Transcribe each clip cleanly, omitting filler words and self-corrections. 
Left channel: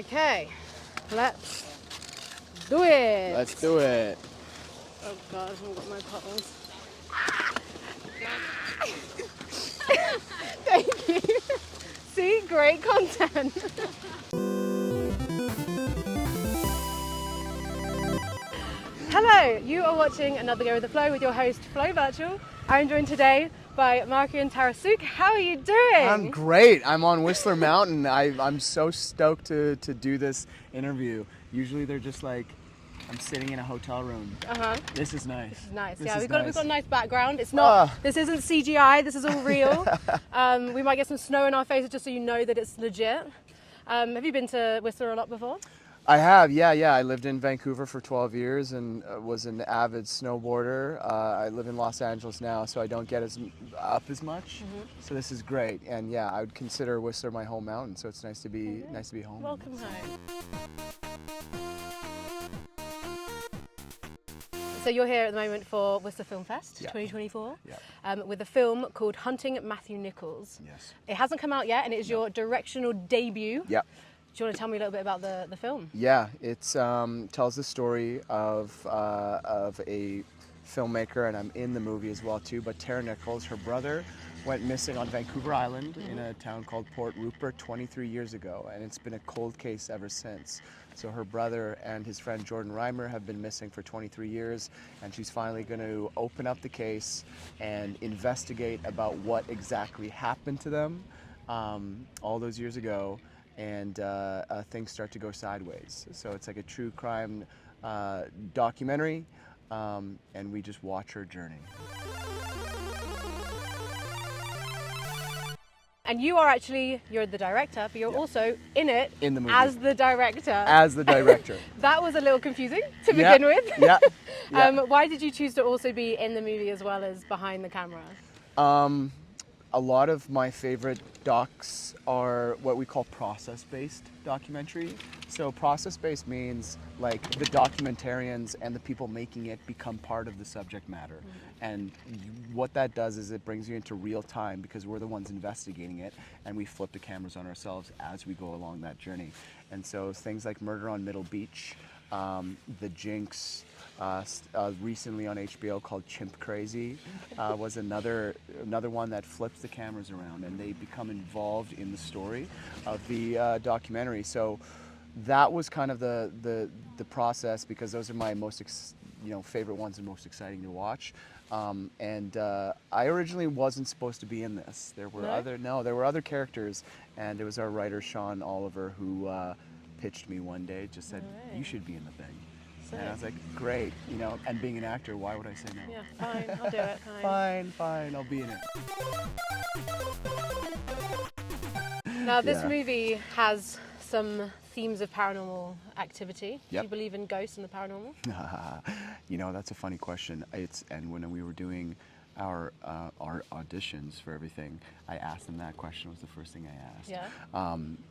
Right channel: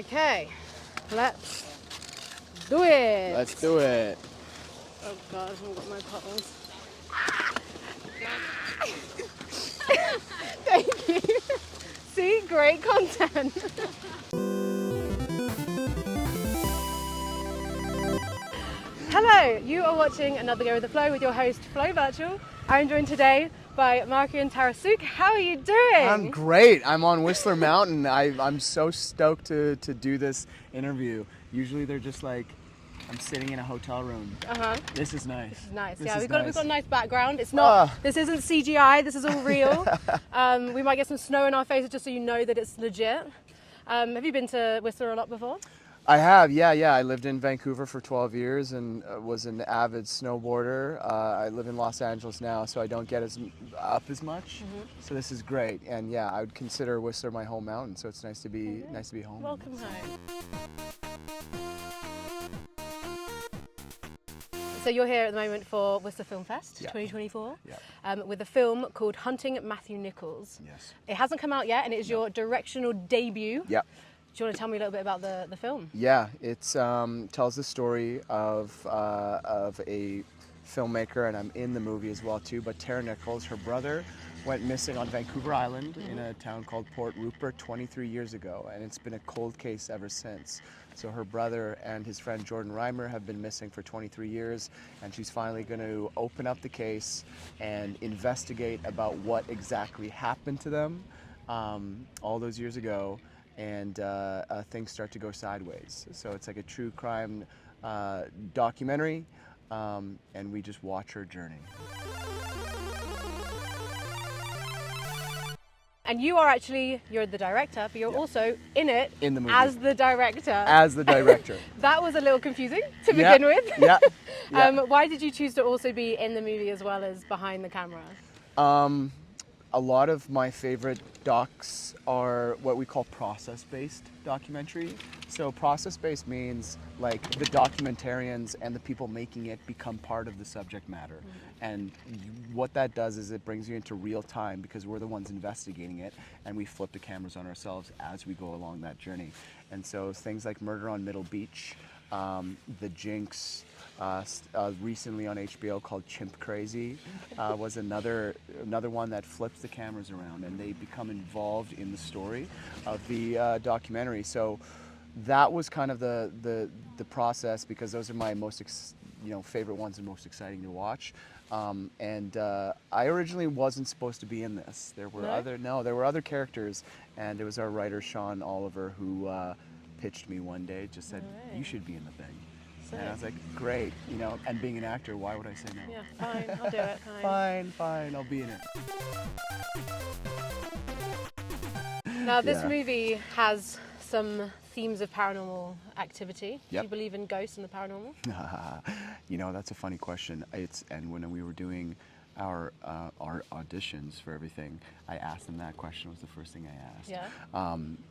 Okay, let's do it. Let's do it. Oh God, I haven't got my bottles. Thank you. See, great content. Hello, you are watching Another Go with the Flow with your host Flo Burchill. I'm joined today by Markian Tarasiuk. How are you doing? I'm great. I'm on Whistler Mountain. I'm so stoked to do this interview. Usually they're just like, I'm sitting in a hotel room. This is nice. This is nice. This Yeah, is we've got a nice background. It's Ah. not. This isn't CGI. This is all real. We might get some snow in our faces just so you know that it's legit. Have you been to Whistler a lot before? I have, yeah. I lived in Vancouver for 12 years and was an avid snowboarder. I live in Los Angeles now, so I don't get up as much. So this is great, and yeah, I would consider Whistler my home mountain. So it's nice to be home. Welcome home. So you're here at the moment for Whistler Film Fest 2024 with a film called Hunting Matthew Nichols. Yes. It hasn't come out yet, and it is your directional debut. Yeah. Do you want to tell me a little bit about the film? Yeah, it tells the story of a filmmaker, and I'm in the movie as well too. But Tara Nichols, her brother, went missing on Vancouver Island in a town called Port Rupert 23 years ago, and it's been a cold case ever since. So her brother and his friend Jordan Reimer have been missing for 23 years, and she's finally going to open up the case and investigate about what exactly happened to them all those years ago. And things start to go sideways. So it's like a true crime documentary, and we just watch her journey. And you're the director, but you're also in it In the movie. as the director. As the director. That was a little confusing to begin with. Yeah. Why did you choose to also be in the movie as well as behind the camera? A lot of my favorite docs are what we call process-based documentary. So process-based means like the documentarians and the people making it become part of the subject matter. And what that does is it brings you into real time because we're the ones investigating it, and we flip the cameras on ourselves as we go along that journey. And so things like Murder on Middle Beach, The Jinx, recently on HBO called Chimp Crazy was another one that flips the cameras around and they become involved in the story of the documentary. So that was kind of the process, because those are my most favorite ones and most exciting to watch. I originally wasn't supposed to be in this. There were other characters, and it was our writer Sean Oliver who pitched me one day, just said, "You should be in the thing." And I was like, great, and being an actor, why would I say no? Yeah, fine, I'll do it. Fine, I'll be in it. Now, this movie has some themes of paranormal activity. Yep. Do you believe in ghosts and the paranormal? That's a funny question. And when we were doing our auditions for everything, I asked them that question. Was the first thing I asked. Yeah.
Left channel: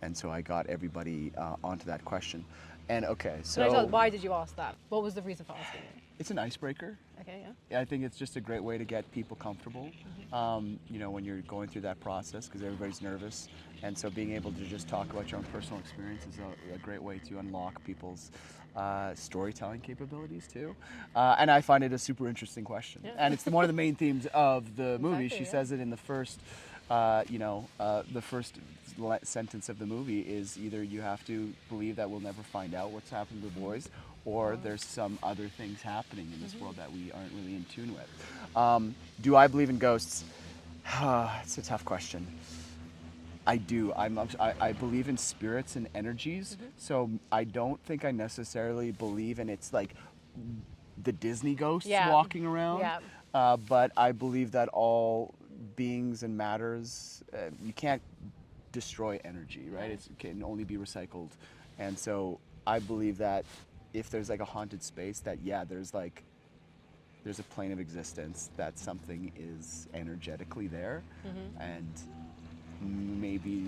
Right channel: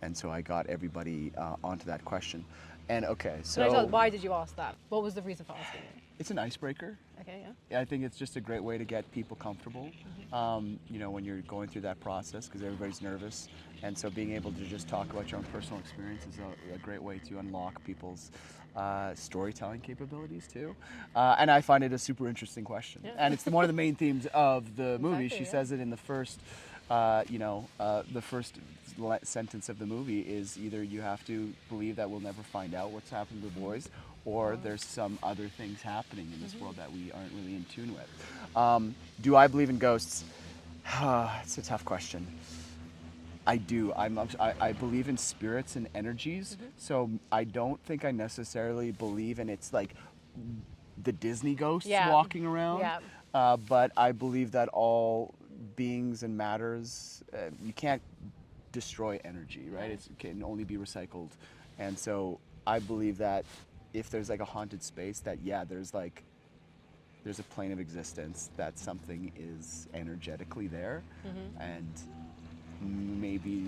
And so I got everybody onto that question. And okay, so why did you ask that? What was the reason for asking it? It's an icebreaker. Okay, yeah. I think it's just a great way to get people comfortable, when you're going through that process, because everybody's nervous. And so being able to just talk about your own personal experience is a great way to unlock people's storytelling capabilities too. And I find it a super interesting question. Yeah. And it's one of the main themes of the movie. She says it in the first, the first sentence of the movie is either you have to believe that we'll never find out what's happened to the boys, or there's some other things happening in this world that we aren't really in tune with. Do I believe in ghosts? It's a tough question. I do. I believe in spirits and energies, so I don't think I necessarily believe in it's like the Disney ghosts walking around, but I believe that all beings and matters, you can't destroy energy, right? It can only be recycled. And so I believe that if there's like a haunted space, that there's a plane of existence, that something is energetically there, and maybe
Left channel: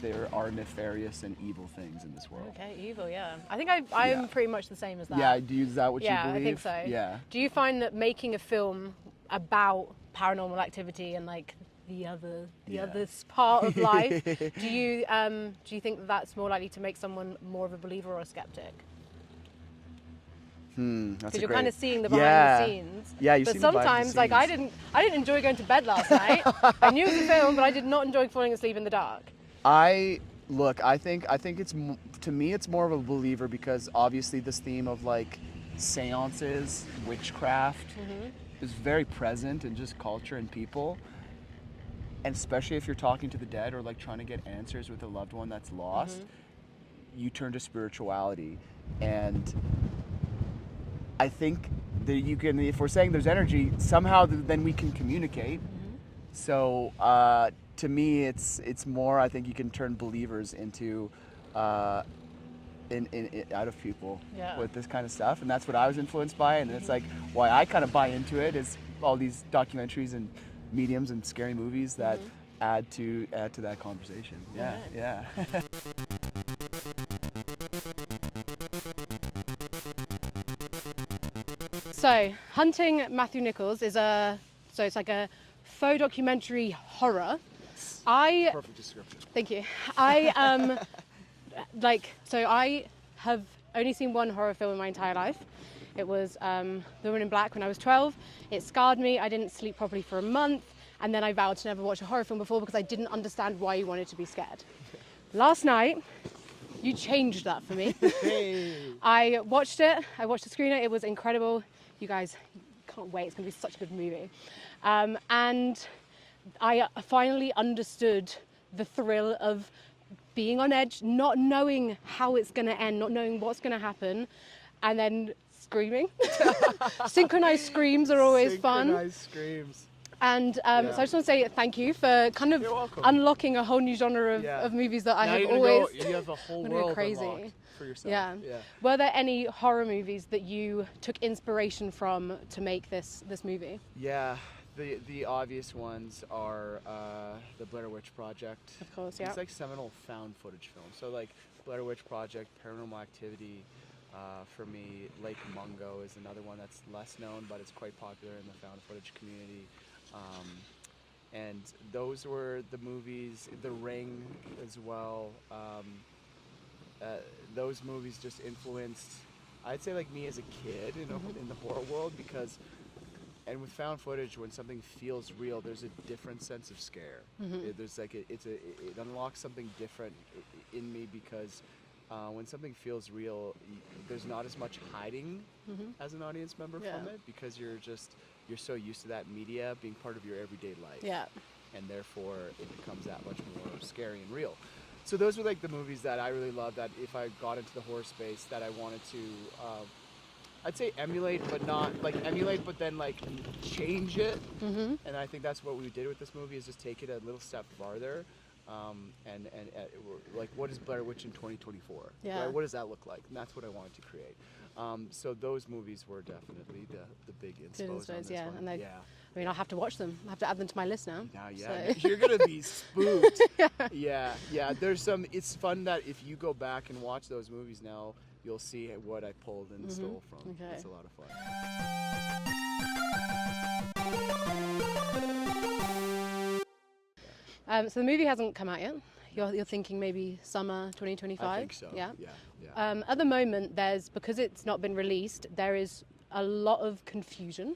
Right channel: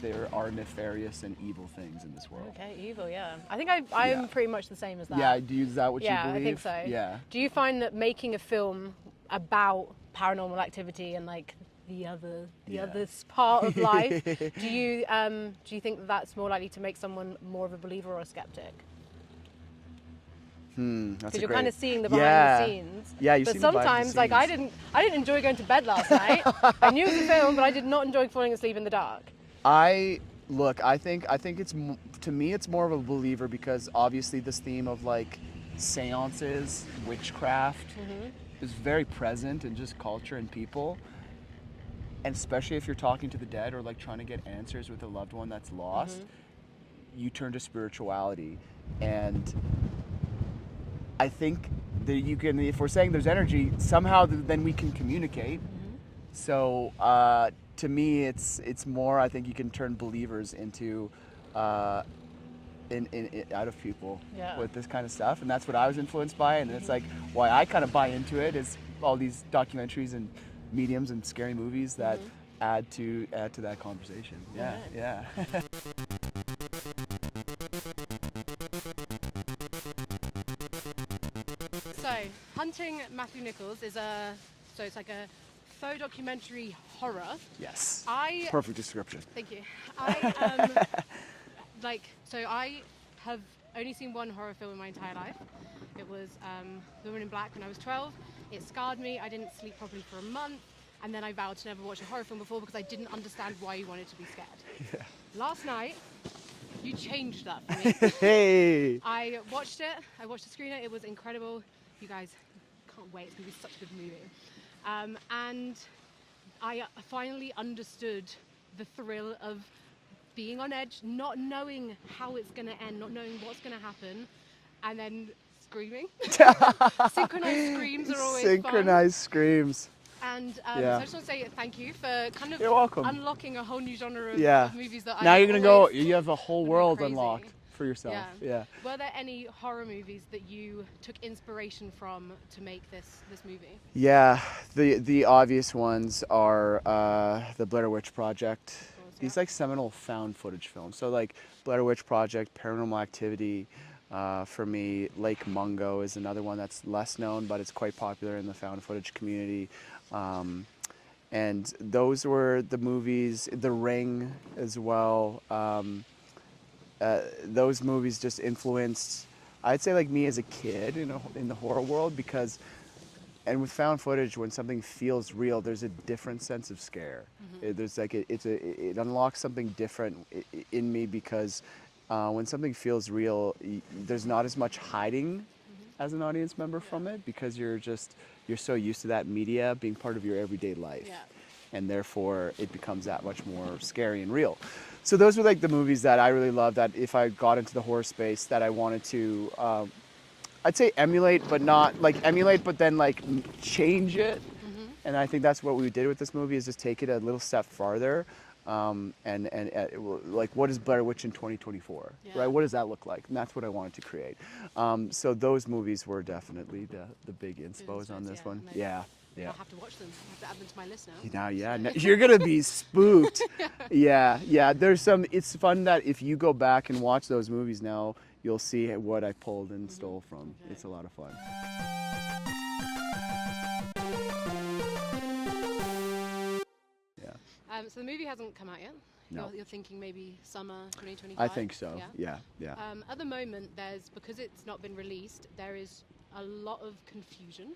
there are nefarious and evil things in this world. Okay, evil, yeah. I think I'm pretty much the same as that. Yeah, is that what you believe? Yeah, I think so. Yeah. Do you find that making a film about paranormal activity and like the other part of life. Do you think that's more likely to make someone more of a believer or a skeptic? Because you're kind of seeing the behind the scenes. Yeah, you see the behind the sometimes, scenes. like I didn't enjoy going to bed last night. I knew it was a film, but I did not enjoy falling asleep in the dark. I think it's, to me, it's more of a believer because obviously this theme of like seances, witchcraft is very present in just culture and people. And especially if you're talking to the dead or like trying to get answers with a loved one that's lost, you turn to spirituality. And I think that you can, if we're saying there's energy, somehow then we can communicate. So to me, it's more, I think you can turn believers into out of people with this kind of stuff, and that's what I was influenced by, and it's like why I kind of buy into it is all these documentaries and mediums and scary movies that add to that conversation. Yeah. So, Hunting Matthew Nichols is it's like a faux documentary horror. Yes. Perfect description. Thank you. I I have only seen one horror film in my entire life. It was The Woman in Black when I was 12. It scarred me. I didn't sleep properly for a month, and then I vowed to never watch a horror film before because I didn't understand why you wanted to be scared. Yeah. Last night, you changed that for me. Hey. I watched it. I watched the screener. It was incredible. You guys can't wait. It's going to be such a good movie. And I finally understood the thrill of being on edge, not knowing how it's going to end, not knowing what's going to happen, and then screaming. Synchronized screams are always fun. Synchronized screams. And so I just want to say thank you for kind of unlocking a whole new genre of movies that now I you're gonna go. You have a whole world crazy. Unlocked for yourself. Yeah. Were there any horror movies that you took inspiration from to make this movie? Yeah, the obvious ones are the Blair Witch Project. Of course, These like seminal found footage films. So like Blair Witch Project, Paranormal Activity. For me, Lake Mungo is another one that's less known, but it's quite popular in the found footage community. And those were the movies, The Ring as well. Those movies just influenced, I'd say, like me as a kid in the horror world, because, and with found footage, when something feels real, there's a different sense of scare. There's like it unlocks something different in me because when something feels real, there's not as much hiding as an audience member from it, because you're so used to that media being part of your everyday life. Yeah. And therefore it becomes that much more scary and real. So those were like the movies that I really loved, that if I got into the horror space that I wanted to, I'd say emulate, but then like change it. And I think that's what we did with this movie, is just take it a little step farther. And like, what is Blair Witch in 2024? Right? What does that look like? And that's what I wanted to create. So those movies were definitely the big inspos on this one. I mean, I'll have to watch them. I'll have to add them to my list now. No, you're gonna be spooked. There's some. It's fun that if you go back and watch those movies now, you'll see what I pulled and stole from. Okay. It's a lot of fun. So the movie hasn't come out yet. No. You're thinking maybe summer 2025? I think so. Yeah. At the moment, because it's not been released, there is a lot of confusion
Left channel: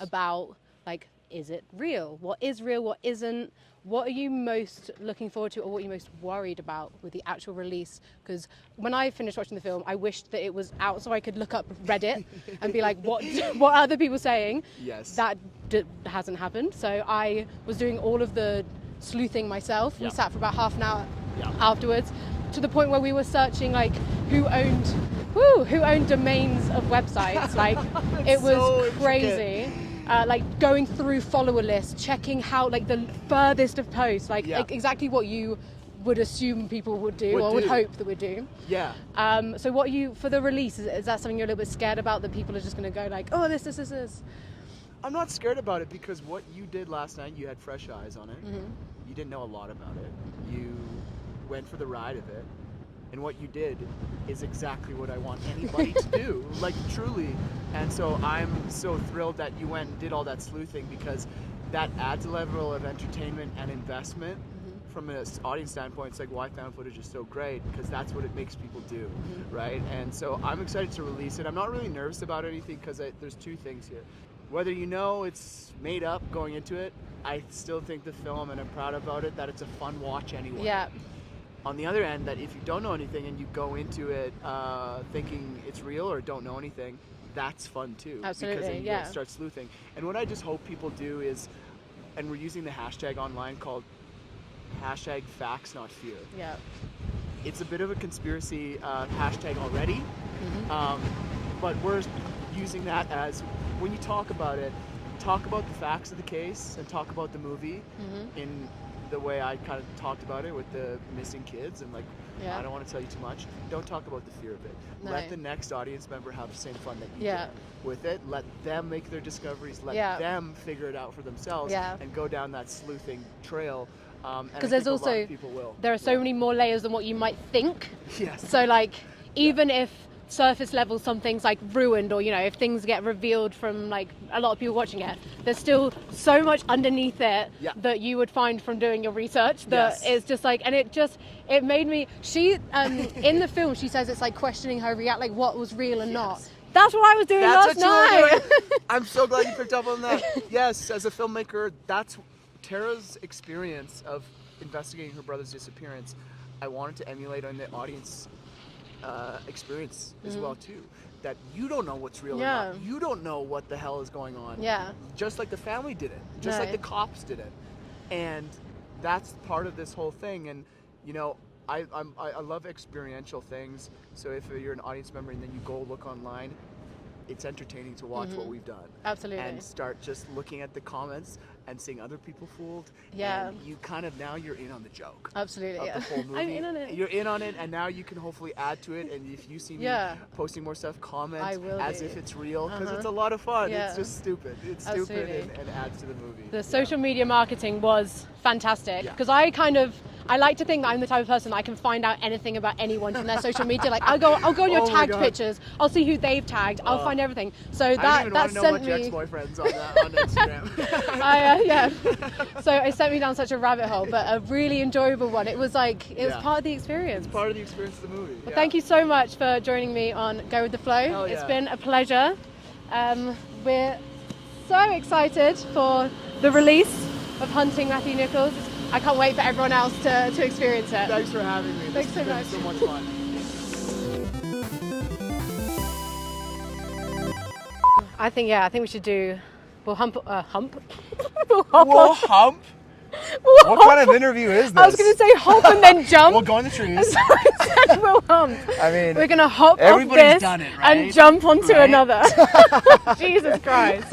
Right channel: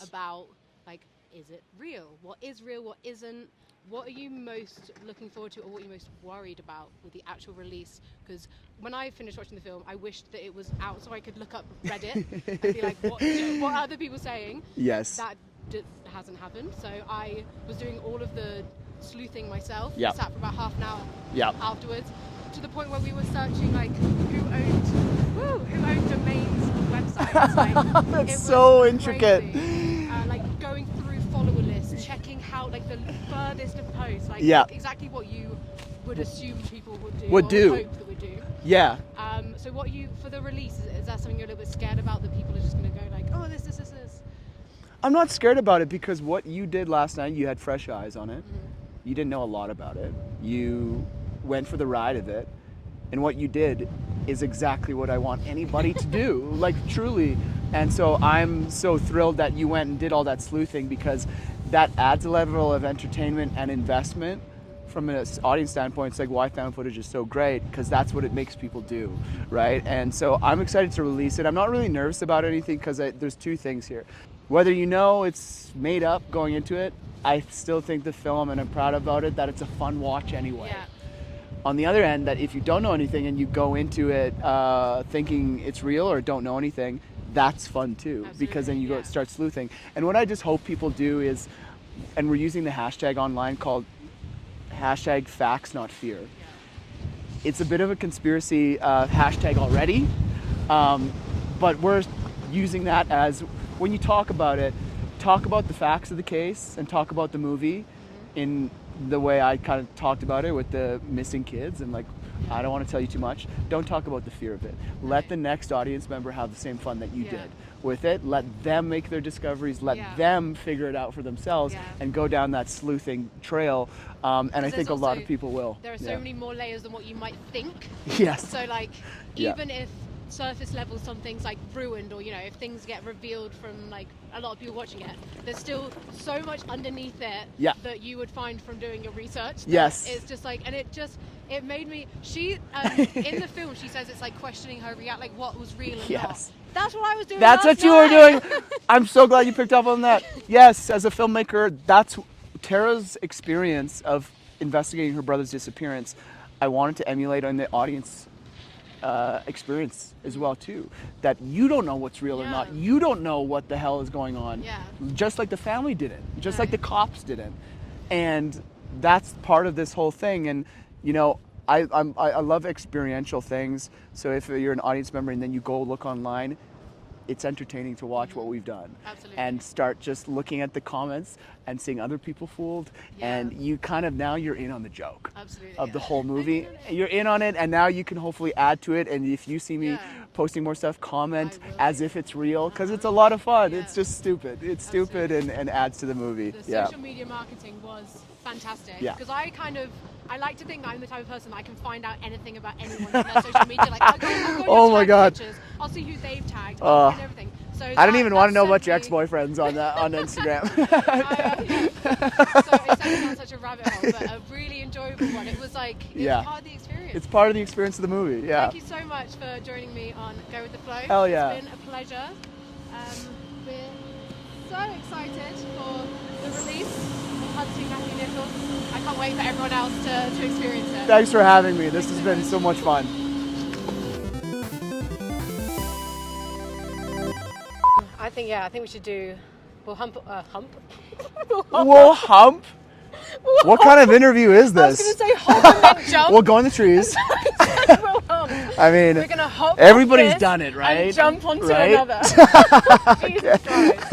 about, like, is it real? What is real? What isn't? What are you most looking forward to, or what are you most worried about with the actual release? Because when I finished watching the film, I wished that it was out so I could look up Reddit and be like, what are other people saying? Yes. That hasn't happened. So I was doing all of the sleuthing myself. We sat for about half an hour afterwards, to the point where we were searching like who owned domains of websites. Like it was so crazy. Like going through follower lists, checking how like the furthest of posts, like exactly what you would assume people would do would hope that would do. Yeah. So what for the release, is that something you're a little bit scared about, that people are just going to go like, oh, this? I'm not scared about it, because what you did last night, you had fresh eyes on it. You didn't know a lot about it. You went for the ride of it. And what you did is exactly what I want anybody to do, like truly. And so I'm so thrilled that you went and did all that sleuthing, because that adds a level of entertainment and investment. From an audience standpoint, it's like why found footage is so great, because that's what it makes people do, right? And so I'm excited to release it. I'm not really nervous about anything, because there's two things here. Whether you know it's made up going into it, I still think the film, and I'm proud about it, that it's a fun watch anyway. Yeah. On the other end, that if you don't know anything and you go into it thinking it's real or don't know anything, that's fun too. Absolutely, because then you yeah. start sleuthing. And what I just hope people do is, and we're using the hashtag online called hashtag facts not fear. Yeah. It's a bit of a conspiracy hashtag already, but we're using that as, when you talk about it, talk about the facts of the case and talk about the movie in the way I kind of talked about it with the missing kids, and like, Yeah. I don't want to tell you too much. Don't talk about the fear of it. No. Let the next audience member have the same fun that you Yeah. did with it. Let them make their discoveries. Let Yeah. them figure it out for themselves Yeah. and go down that sleuthing trail. And I think a lot of people will. There are so many more layers than what you might think. Yes. So like, even if surface level something's like ruined, or if things get revealed from like a lot of people watching it, there's still so much underneath it that you would find from doing your research that is just like, and it made me, she in the film she says it's like questioning her like what was real and not. That's what I was doing. That's last what you night. were doing. I'm so glad you picked up on that. Yes, as a filmmaker, that's Tara's experience of investigating her brother's disappearance. I wanted to emulate on the audience experience as well too. That you don't know what's real or not. You don't know what the hell is going on. Yeah. Just like the family didn't. Just like the cops didn't. And that's part of this whole thing. And I love experiential things. So if you're an audience member and then you go look online, it's entertaining to watch what we've done. Absolutely. And start just looking at the comments and seeing other people fooled. Yeah. And you kind of, now you're in on the joke. Absolutely. Of the whole movie. I'm in on it. You're in on it, and now you can hopefully add to it. And if you see me posting more stuff, comment as if it's real, because it's a lot of fun. Yeah. It's just stupid. It's stupid and adds to the movie. The social media marketing was fantastic, because I like to think that I'm the type of person that I can find out anything about anyone from their social media. Like I'll go on your tagged pictures. I'll see who they've tagged. I'll find everything. So I don't even want to know about your ex-boyfriends on Instagram. So it sent me down such a rabbit hole, but a really enjourable one. It was like it was part of the experience. It's part of the experience of the movie. Yeah. Thank you so much for joining me on Go with the Flow. Hell yeah. It's been a pleasure. We're so excited for the release of Hunting Matthew Nichols. I can't wait for everyone else to experience it. Thanks for having me. This has been so much fun. I think we should do. We'll hump. We'll hump. What kind of interview is this? I was going to say hop and then jump. We'll go in the trees. We'll hump. I mean, we're going to hop. Everybody's off this done it, right? And jump onto another. Jesus Christ.